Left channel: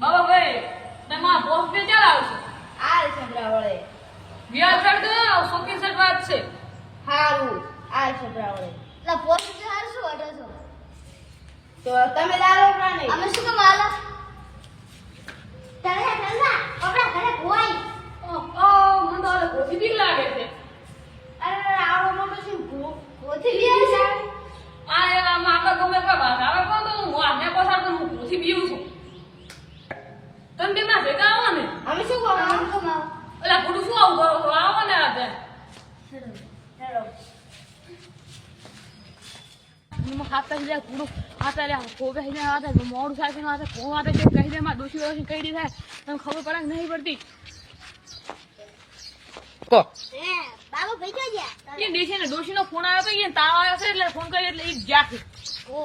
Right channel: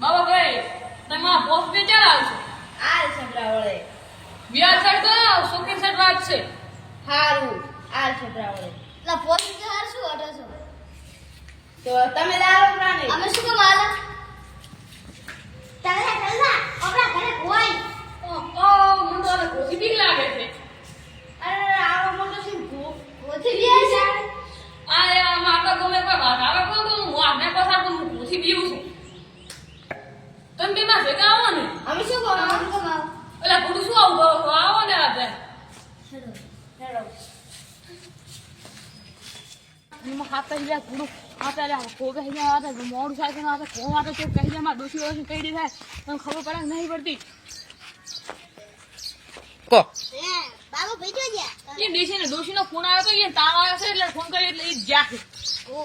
બાબા ભાઈ તમે આ પોસ્ટ પે ચાલ આવશો આલ છોકરા વળે વ્યાજ સાઈડ તો શોખીન સાઈડ વાત છે હારું આલ છોકરા વળે એટલે પોલીસ હાર શું અટો છો તો તમે લાવો પ્રાણી અમે શું કામ આલા ચાલે ચાલના આપણા ઘરે કોઈ ઓ મને તો કોથી બીક લાગે છે અરે આવો મોટો શું કોથી બી જાય આ એ માતા ગમે કોઈ વાત આવે કોણ તો હું આને પસાર તો હું કોથી બીવું છું તમે બે માં ભેગા આવો ને અમે શું કહો અમે કેમ આવો એટલે પૂરું શું આવું કરો છો આવો ને આજે હેડો હેડો હું હાથ કહી જાય પૂરું આતા રે કોકે કહી જાય આતા મોડું થાય કે આતા કોણ આતા કે કહી જાય માં દોશી વર્ષ કહી દી થાય તમને ખબર પડે કે નહીં પડતી કો હે બાબુ ભેજો ગયા એ ડોશીનો ફોન આવ્યો તો એ તાવ આવ્યો છે એટલે ફોન કર્યો એટલે એ જ્યાં છે ઓ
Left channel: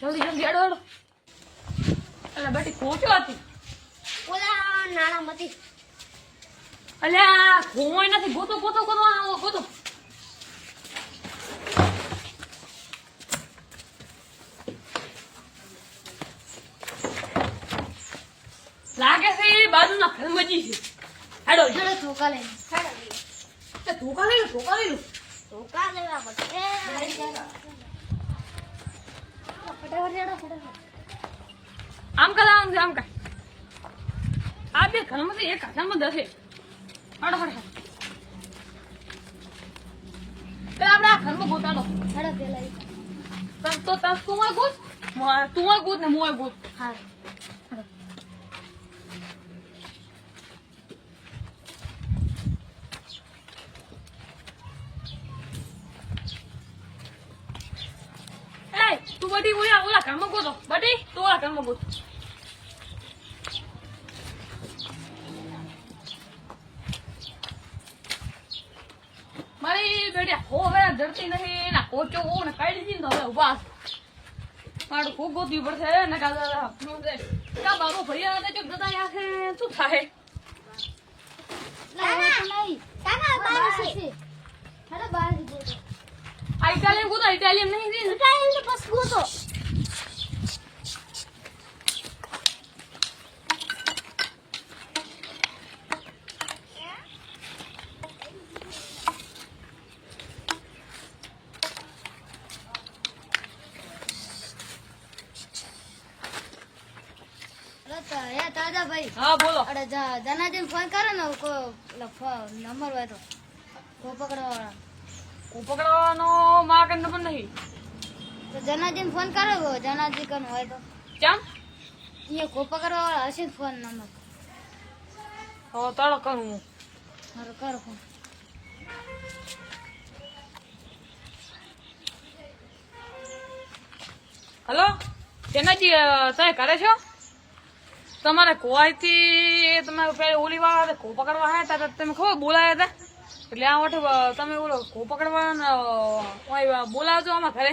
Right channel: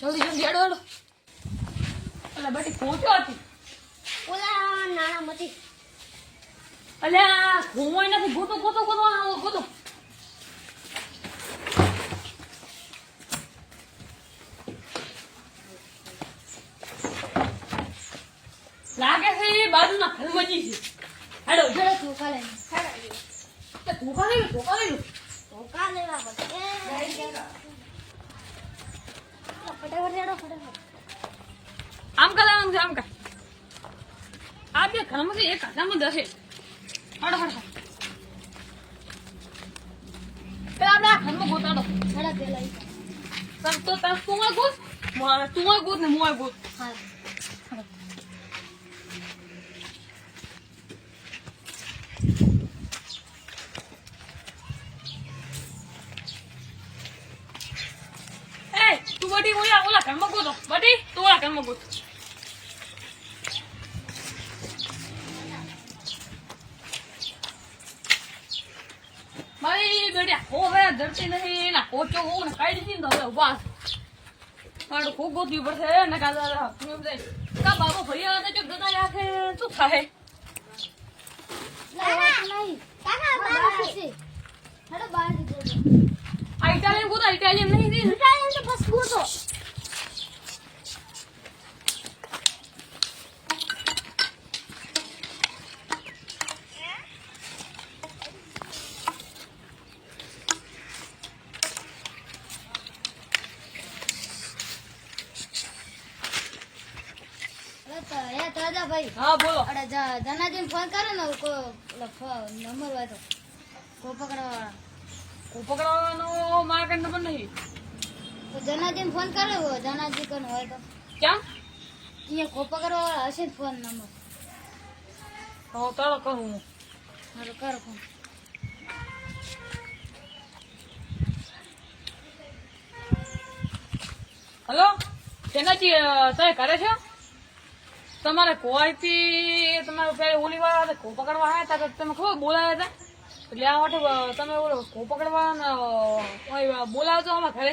જલ્દી જલ્દી હેડો હેડો એટલે બેટી પહોંચ્યો હતી ઓલા નાણા મતી અલ્યા ઘુમોય નથી ગોતો ગોતો ગોતો ગોતો લાગે છે એ બાજુના ઘરમાં જી છે હેડો જડે ધોકા લે હેડો ધોકા લઈ લો ધોકા લેવા પડે ફટાફટ હેડો ફટાફટ આમ કર આ બે ઘરમાં એક હાથામાં દસે હેડો આપણે આ ઘરમાં ગોતાડો હેડો પેલા તો તું ગોત ને મોય ગોત હા તું બધી ઓલા ઘરમાં ગોતો બધી તું ઓલા ઘરમાં ગોત મારી બેટા હવે ધરતી નથી એના કોચો ને કાઢી દીધી ને હવે ઉભા મારું ખૂબ ગોતવી પડશે ને કાકા બાબુ ભૈયા હતા જો ગદા રાખે શું થાય નહીં કાકા બહાર છે હેડો બહાર ગોતો આ ઇટાલિયન ગોતો ઇટાલિયન નહીં ઉઠાઈ બસ ગોતો ભાઈ હા બોલો જનાજીને ફોન કરો ને નંબર હોય તો પકડવાનો માં કઈ નંબર નહીં તો જનાજીને ફોન કરો જનાજી કન હોય તો કેમ એ કોપા કરવા હશે ફોન નંબર હવે તાળો કરું કરો ફોન હલો તેનાજી તમે કરે છો તમારે કોઈથી તમારે પેલી ઓલી વાળા કો પકડવા આવ્યા હતા તમે ખબર બોલાયા હતા એટલે આ માટે તમે ઓલો કો પકડવા બોલાવજો આમાં ઘરે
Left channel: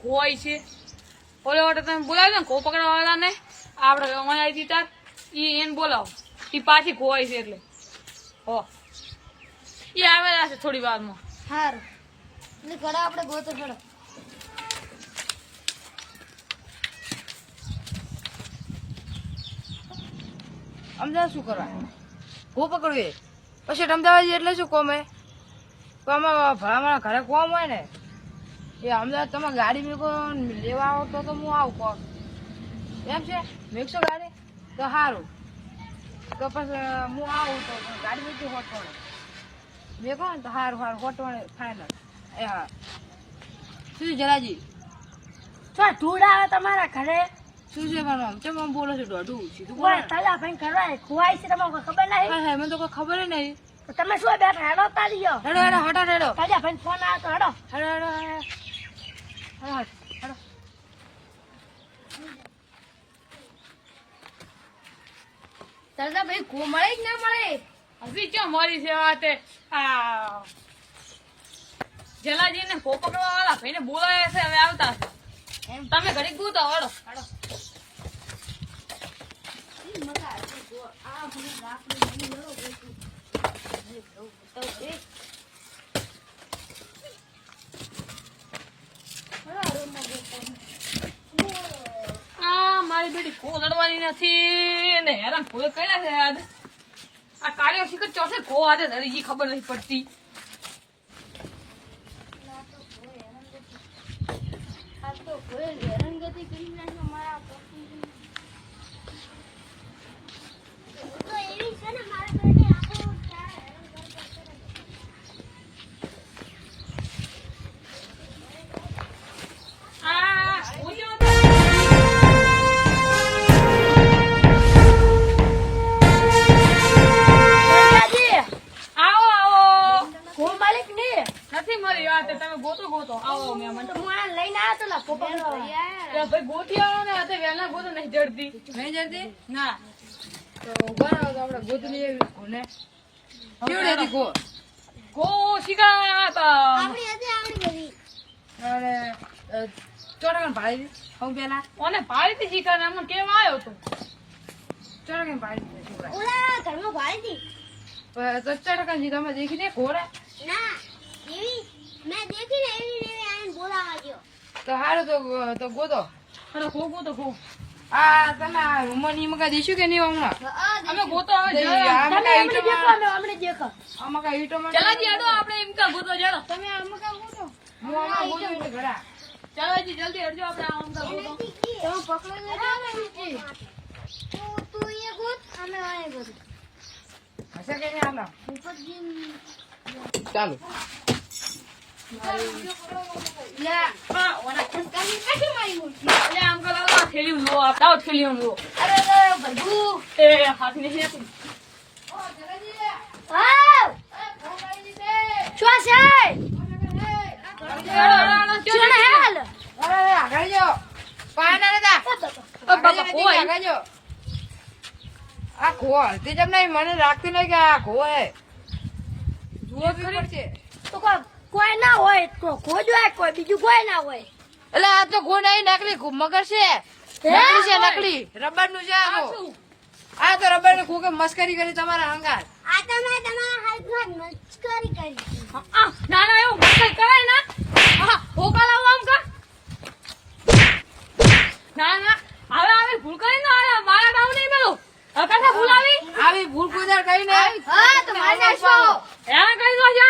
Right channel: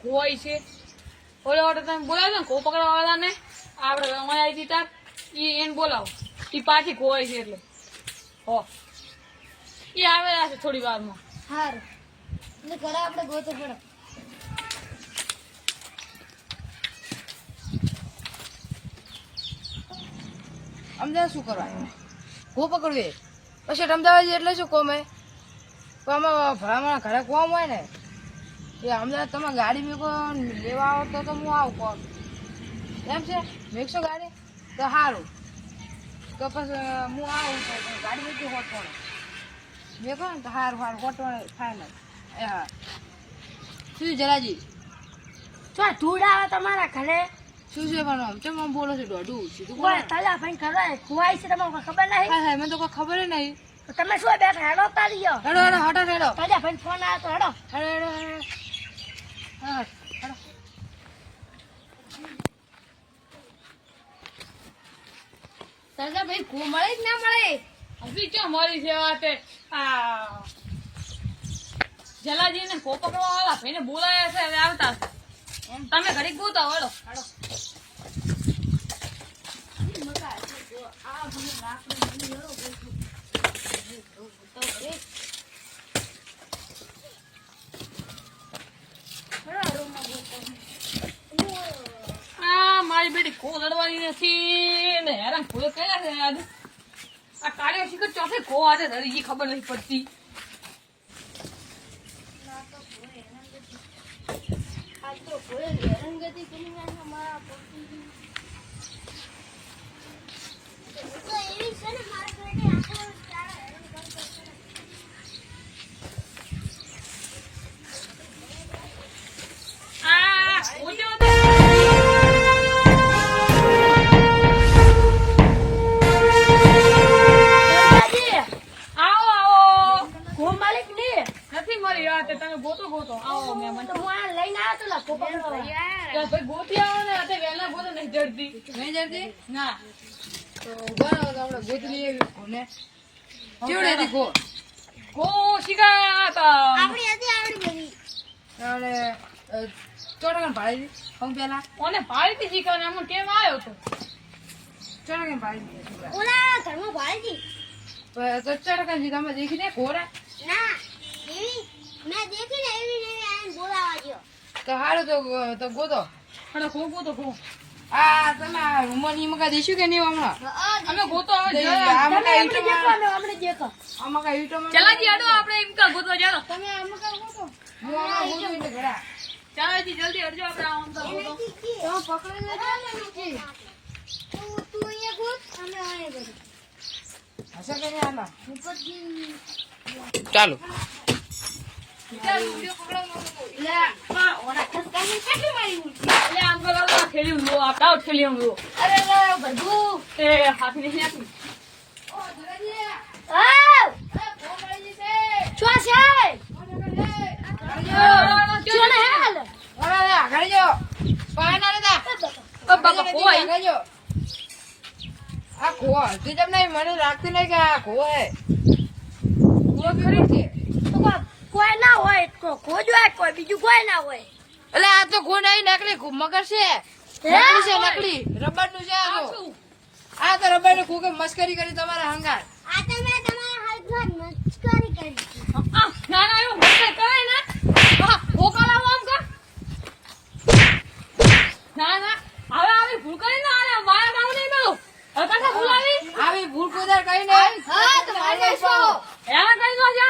કોઈ છે ઓલો માટે તમે બોલાવજો ને કો પકડવા વાળા ને આપણે અમારે આવી હતી તાર એને બોલાવો એ પાછી કોઈ છે એટલે હો એ આવેલા છે થોડી વારમાં સારું એટલે ઘરે આપણે ગોતો ચડો અમદાવાદ શું કરવા હું પકડવી પછી અમદાવાદ એટલે શું કોમે આમાં ભલામણ ઘરે કોમ હોય ને એ અમદાવાદ તમે ગાડી મેકો લેવા આવો તો હું આવું કોમ એમ છે મેકશો ગાડી તો સારું તો પછી હું આવું તો ગાડી મેકી હોતો ને મેકો ને તો સારું હોતો થાય ને એ હા શું જલાજી ધૂળ આવે તમારા ઘરે શું છે પણ ચમ આમ બોલો છો દોઢું સીધું કોઈ તલા ભાઈ કરવા ખુવાય છે તમને ખબર નહીં હા હા મને તો કોઈ ખબર નહીં તો તમે શું બેઠા હેડો તારીયો હેડો હેડો હટા હેડો તાજા ભાઈ ફોન આવ્યો તો હેડો હેડો હેડો હા હેડો તાજા ભાઈ કો મળે કે ના મળે હજી ક્યાં મારી છે વાતે આ જલાજી ને કો પકડવા વાળા ભાઈને બોલાયા છે હવે આવતા તમે ઘડી ગૂતો હેડો રૂમમાં બોલવાની નથી ને હેરાન ભૂલો કર્યા છે આજે આ કાર્ય શીખર ચોથે ખો આજે ધરી ગઈ ખબર નથી પડતી આ તો કોઈ હેરાનગતિ કરી નાખ્યો મારા પપ્પીને. તો એવી છે ને મારા ઘરે આખો તારા હેરાન કરતો. આ ઓજો આવો આવો કોણ માલિક ને? નથી મળી વાત તમે ગોતો ગોતો આવો મહેમાન તો હું આ લઈને આવ્યો તો લા કોપા કરવા. ત્યાં ભાઈ ગોતી આવો ને અત્યારે વહેલા ગોતો નહીં જડતી નહીં જડતી ના તો ઉભા રહો તો આપણે ગોતી લઈએ કોને કેવડી હતી કો ગો શીખા હતા આપણી હતી આપણી બધી. અને ચોટાકણ ભાડી હું પેલા ઓને પાડીથી શીખા ને અમને કેવા આવ્યો તો ચોટાકણ ભાડી છોકરા ઓલા ઘરમાં ભાડી હતી. તો ચોટાકણ જી તમે દેખી દે ઘોડા ના એવી મેં દેખી ને એવી ને એવી આઈને બોલાવા ગયો. તો હારું તો ગોતો અરે ખો ગોતો ખો આ તમે રૂમની મકા દઈશું કે નહીં હમણાં અમે ગોતો હવે દઈ, જરા. આ મકા ઈંટો માં- આપણે દેખો. આમાં કાંઈ ઈંટો માં- ચલાજી અડો આપણે એમ કા ગોતો જરો તમે આમાં કામ કરો. હું હમણાં ગોતું એટલે ઘડા ચલાજી જલ્દી અડજો આપણે આમ તો ગોતો તમે પકડી લેજો. તું અહીંયા ગોત અને અહીંયા ગોત. હશે કે નહીં આમાં ઉપરથી ચાલો હા ઓને કાની કાઢી મારી હું. એટલે આમ તો લાગો ખેલી હું લો આપતા ખેલી હું લો અરે ભરગુ. એ હાથી નહીં આપી આવ. છો છે? છો ને હાલ. આગળ જો પાય ના લેતા આગળ જો આ ખો હલતી જેમ નહીં મને લાગતું નહીં કે આ ખો હે ખો પીવડે છે તો કોઈ ના હોય તો ખોજ હોય કોઈ બીજું કોઈ ના હોય. એટલે આ તો ખો નહીં નકલી મગર છે નકલી છે નકલી રબર નું છે આ તો. આ તો રબર નું ખોકે મસ્કરી કરી તમારા હંગાર આ તમે તમારા હાથમાં મસ્કરી કરી. ના ના એવું મસ્ત કરાય ને હા ભોકા લાવો આમ કા ના ના હવે આવી ભૂલ કરી ને આ મારા નામ નહીં મેલો હવે પાછા ભૂલ આવી આવી ભૂલ કુદર કઈ નહીં હા તો મારી નાખો. એના કરી દો છે